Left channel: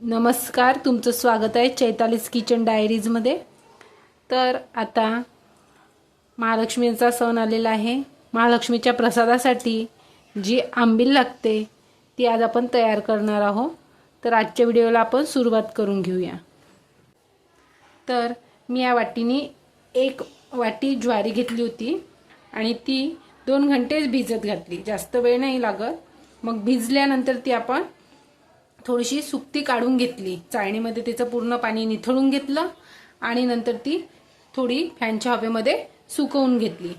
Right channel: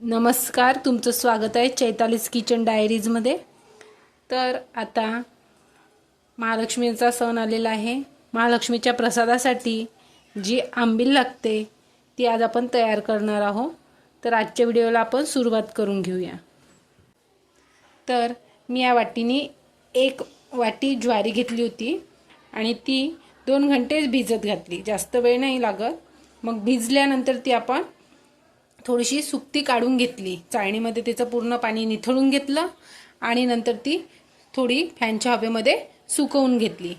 नमस्कार तुमचं स्वागत आहे चैतालीस किचन डायरीजमध्ये. तर आता महालक्ष्मीचा सण आलेला आहे. महालक्ष्मीच्या प्रसादासाठी जी आंबील लागते ती आज आपण तयार करणार आहोत. तर आजच्या व्हिडिओला आपण सुरुवात करून घेऊया. तर मी या वाटीने एक वाटी ज्वारी घेतली होती आणि ती दोन घंटेच भिजत घातली. जास्त वेळ नाही लागत. मग भिजल्यानंतर ती आपण थोडीशी सुकती काढून घेतली. चाळणीमध्ये तिचं पूर्ण पाणी निथळून घेतलं आणि नंतर ती थोडी फॅनच्या हवेमध्ये सुकवून घेतली.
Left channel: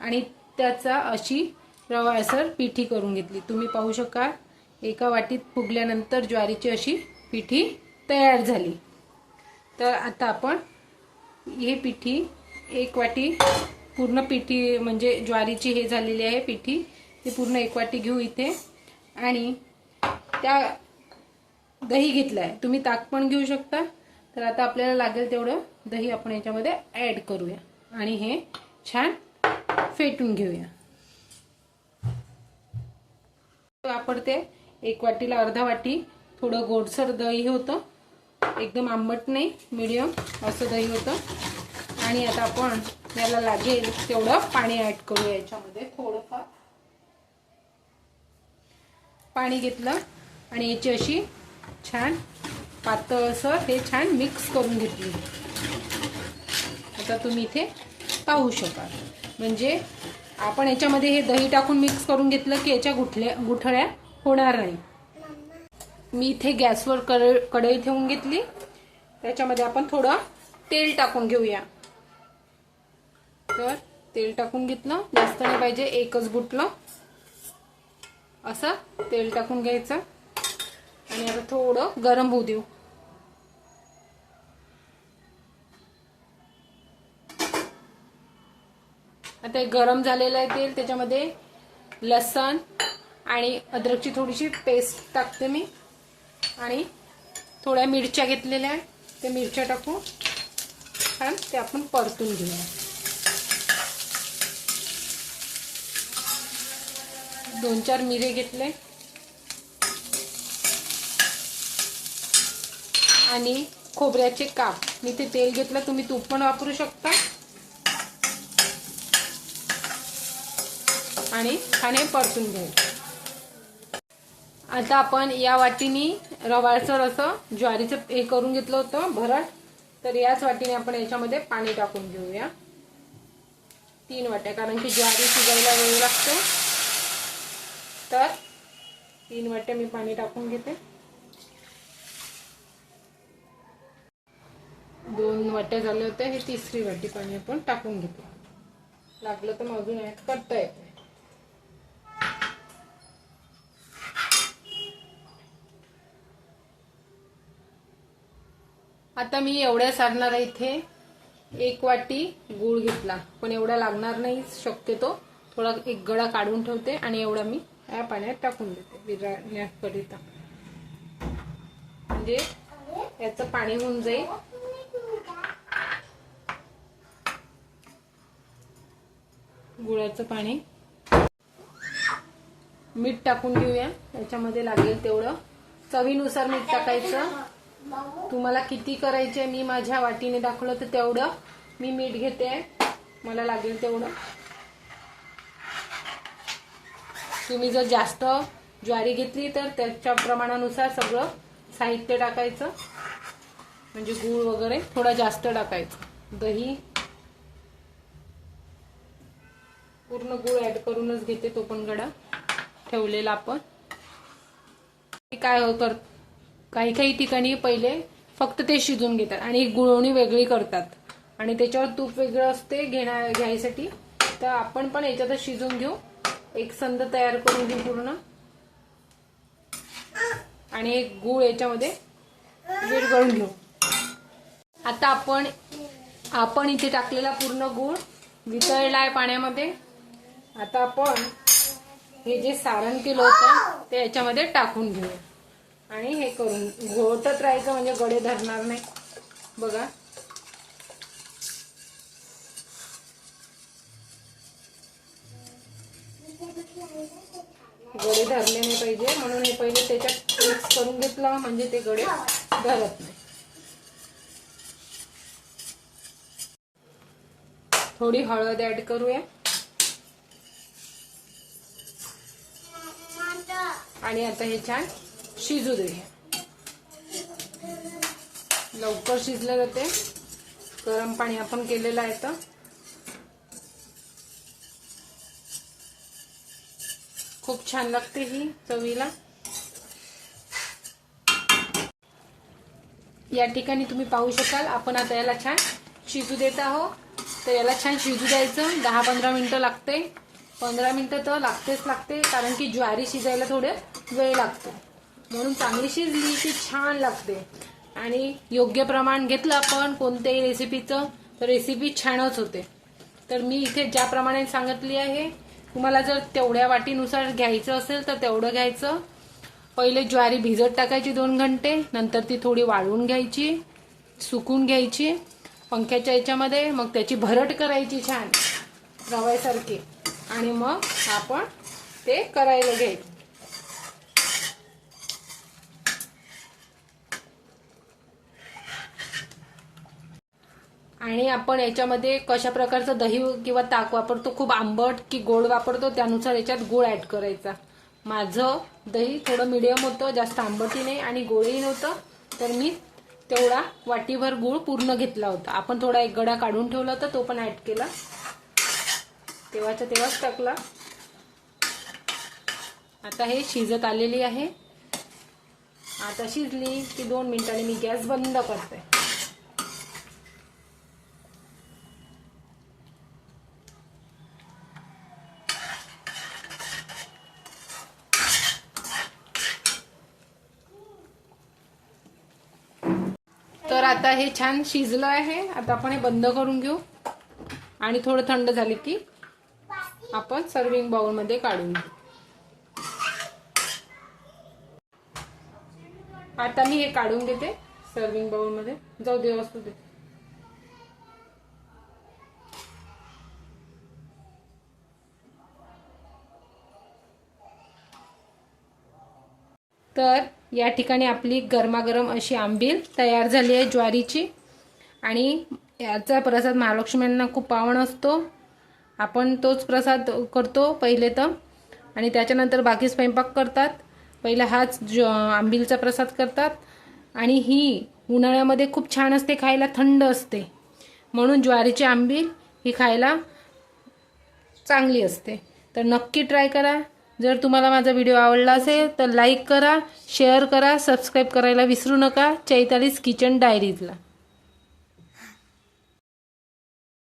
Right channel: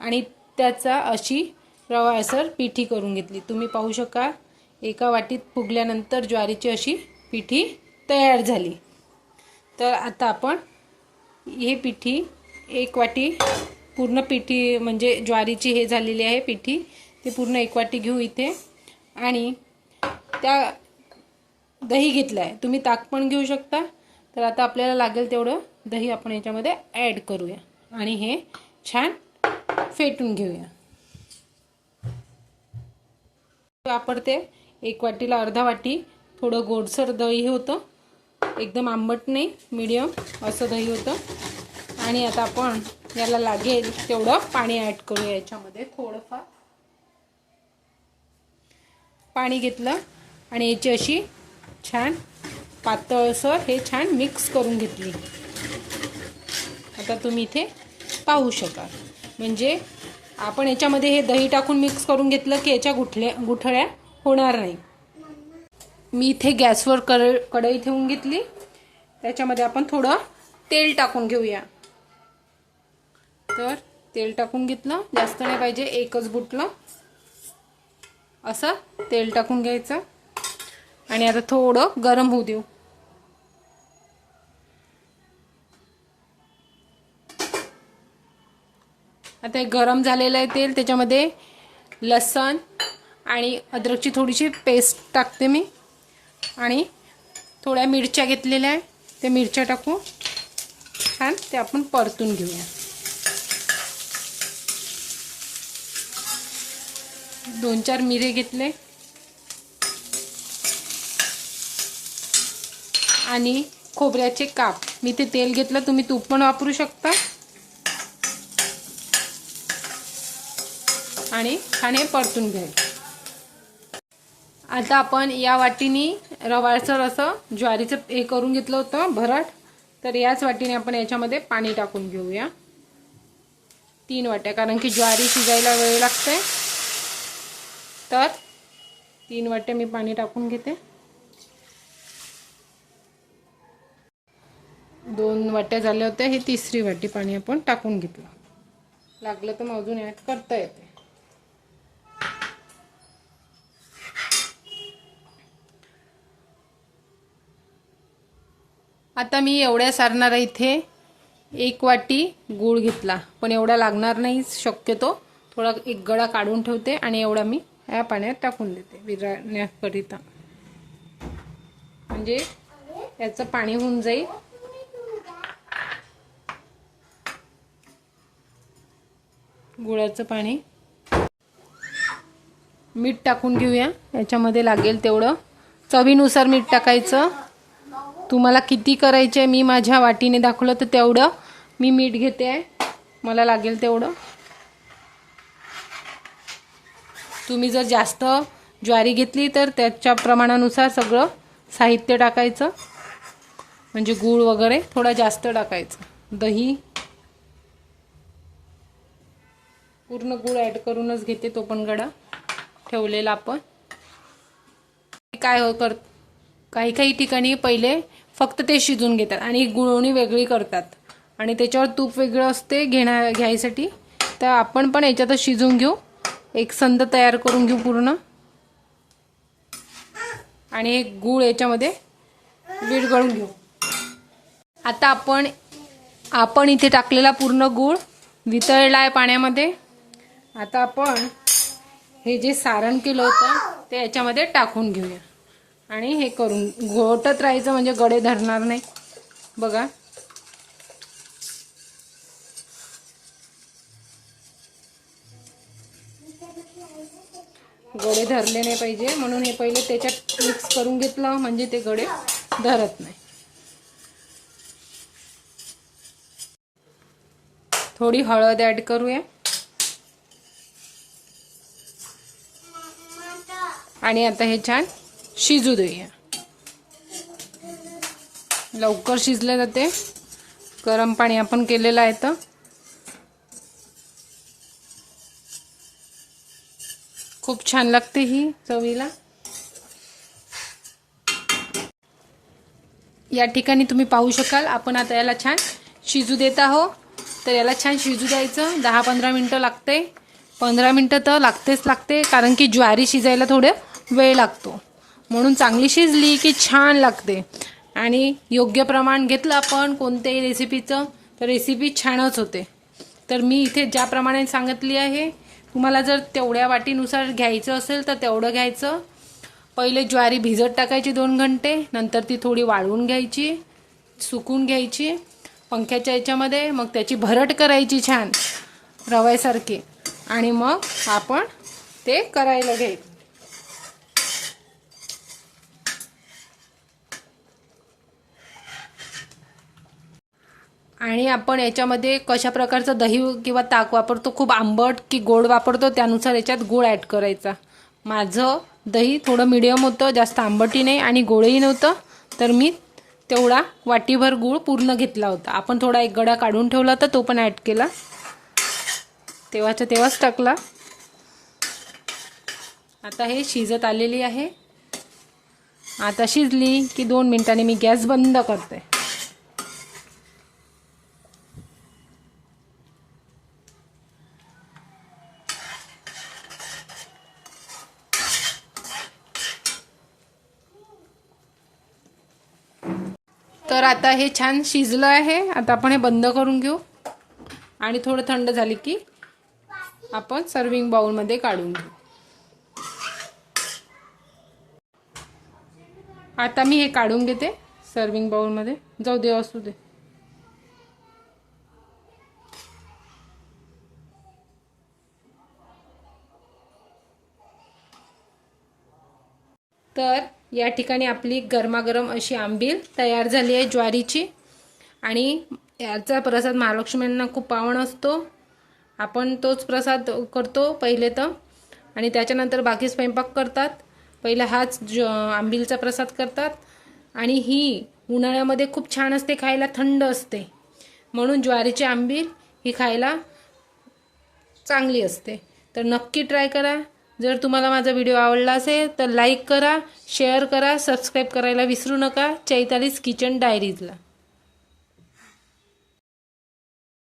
आणि त्याचा अशी रवाळसर पिठी करून घेतली. तुम्ही पाहू शकाल एका वाटीत फुगल्यानंतर ज्वारीची अशी पिठी तयार झाली. तर आता आपण ही पिठी एक वाटी पूर्ण पिठी म्हणजे ज्वारीची हे झालेली आहे पिठी ती पूर्ण एक वाटी घेऊ इथे. आणि त्या दही घेतलं आहे तुम्ही ताक पण घेऊ शकता. तर आता आपल्याला लागेल तेवढं दही आपण याच्यामध्ये ॲड करूया. आणि हे छान फेटून घेऊया. वापरते. एक वाटीला अर्धा वाटी. थोडं गोडसर दही होतं. एकदम आंबट नाही. मीडियम असं दही होतं. आणि आता आपण याला लागेल तेवढं पाणी ॲड करूया याच्यामध्ये थोडंफार. पाणी घेतलं. आणि याची अशी छान पातळ असं हे छान मिक्स करून घेतली. आता तुम्ही इथे पाहू शकाल. म्हणजे आपण याच्यामध्ये हे दही टाकून मिक्स करून घेतलं की याच्या गुठल्या गुठळ्या होणार नाही. मी इथे गॅसवर कड कढई ठेवून घेतली. त्याच्यामध्ये आपण थोडं तेल टाकून घेऊया. तर तेल टाकून घेतलं. जास्त नाही पाहिजे एकच बुटलं. असं तेल टाकून घ्यायचं. आणि आता थोडं गरम होऊ देऊ. आता हे गरम झालेलं आहे तेल त्याच्यामध्ये लसण आणि अद्रकची थोडीशी पेस्ट टाकते मी. आणि थोड्या मिरच्या घेतलेल्या आहे त्या मिरच्या टाकू छान ते आपण परतून घेऊया. दोन चार मिरे घेतले. आणि खोबऱ्याचे काप. मी ते तेल घेतलं तुम्ही तूप पण वापरू शकता. आणि छान हे परतून घ्या. आता आपण या वाटीने रवाळसर असं ज्वारीचं हे करून घेतलं होतं भरट. तर याच वाटीने आपण याच्यामध्ये पाणी टाकून घेऊया. तीन वाट्या कारण की ज्वारी शिजायला वेळ लागते. तर तीन वाट्या मी पाणी टाकून घेते. दोन वाट्या झाल्या होत्या. ही तिसरी वाटी पाणी आपण टाकून घेतलं. लागलं तर मग अजून ॲड करता येते. आता मी एवढ्या सारणार इथे एक वाटी गूळ घेतला. पण एवढा लागणार नाही शक्यतो. थोडा एक गळा काढून ठेवते आणि एवढा मी या पाण्यात टाकून देते विरण्याकरिता म्हणजे याचं पाणी होऊन जाईल. गुळाचं पाणी. मीठ टाकून घेऊया. याच्यामध्ये लागेल तेवढं. चवीनुसार मीठ टाकायचं. तुम्हाला किती करायचे मी माझ्या वाटीने दाखवलं तर तेवढं मी मीठ घेते. आहे मला लागेल तेवढं. तुम्ही जर जास्त ज्वारी घेतली तर त्याच्या प्रमाणानुसार सगळं साहित्य टाकायचं. म्हणजे गूळ वगैरे थोडा जास्त टाकायचं. दही पूर्ण गूळ ॲड करूनच घेते तो पण गडा. ठेवलेला आपण. काय हो कर काही काही ठिकाणी पहिले फक्त ते शिजून घेतात आणि गुळवणी वेगळी करतात. आणि त्याच्यावर तूप वेगळं असते घेण्या घ्यायसाठी. तर आपण पण याच्यातच शिजून घेऊ. एक संद तयार करून घेऊ पूर्ण. आणि एक गूळ याच्यामध्ये विरघळून घेऊ. आता आपण आपण इथे टाकलेला पूर्ण गूळ वितळला आहे पाण्यामध्ये. आता आपण हे जे सारण केलं होतं ते याच्यामध्ये टाकून घेऊया. आणि हे करून घोटत राहायचं म्हणजे गडे धरणार नाही. बघा. गडे धरले नाही पाहिजे म्हणून हे पहिले त्याच्यात मिक्स करून घेतलं म्हणजे ते गडे धरत नाही. थोडी हळद ऍड करूया. आणि आता हे छान शिजू देऊया लवकर शिजलं जाते गरम पाणी आपण केलेलं आहे तर. खूप छान लागते ही चवीला. या ठिकाणी तुम्ही पाहू शकाल आपण आता याला छान शिजू देत आहो तर याला छान शिजू द्यायचं. दहा पंधरा मिनटं लागते. पंधरा मिनटं तर लागतेच लागते कारण की ज्वारी शिजायला थोडं वेळ लागतो. म्हणून चांगली शिजली की छान लागते. आणि योग्य प्रमाण घेतलं आपण कोणत्याही रेसिपीचं तर रेसिपी छानच होते. तर मी इथे ज्याप्रमाणे सांगितली आहे तुम्हाला जर तेवढ्या वाटीनुसार घ्यायचं असेल तर तेवढं घ्यायचं. पहिले ज्वारी भिजत टाकायची दोन घंटे नंतर ती थोडी वाळवून घ्यायची सुकून घ्यायची पंख्याच्या याच्यामध्ये मग त्याची भरट करायची छान रव्यासारखी. आणि मग आपण ते करायला घे. आणि आपण याच्यामध्ये कशा प्रकारचं दही किंवा ताक वापरतो खूप आंबट की गोड वापरतो त्यानुसार याच्यात गोड ॲड करायचा. माझं दही थोडं मिडियम होतं जास्त आंबटही नाही आणि गोडही नव्हतं तर मी तेवढा वाटीभर गूळ पूर्ण घेतला होता. आपण थोडा एक गडा काढून ठेवला होता तो पण ॲड केला. तेव्हाच्या तेव्हाच टाकला. आता हे शिजत आलेली आहे. आता शिजली की दोन मिनिटांनी मी गॅस बंद करते. तर आता हे छान शिजलं आहे. आता आपण हे बंद करून घेऊ. आणि थोडं थंड झाले की आपण सर्विंग बाउलमध्ये काढून घेऊ. आता मी हे काढून घेते सर्विंग बाउलमध्ये जाऊ दे असू दे. तर या ठिकाणी आपली गरमागरम अशी आंबील तयार झाली आहे ज्वारीची. आणि याचा प्रसाद महालक्ष्म्यांना खूप पावन असतो. आपण तोच प्रसाद करतो पहिले तर. आणि त्याच्यानंतर बाकी स्वयंपाक करतात. पहिला हाच ज आंबीलचा प्रसाद करतात. आणि ही उन्हाळ्यामध्ये खूप छान असते खायला थंड असते. म्हणून ज्वारीची आंबील ही खायला चांगली असते. तर नक्की ट्राय करा. जर तुम्हाला माझा व्हिडिओ आवडला असेल तर लाईक करा शेअर करा सबस्क्राईब करायला विसरू नका. चैतालीस किचन डायरीजला.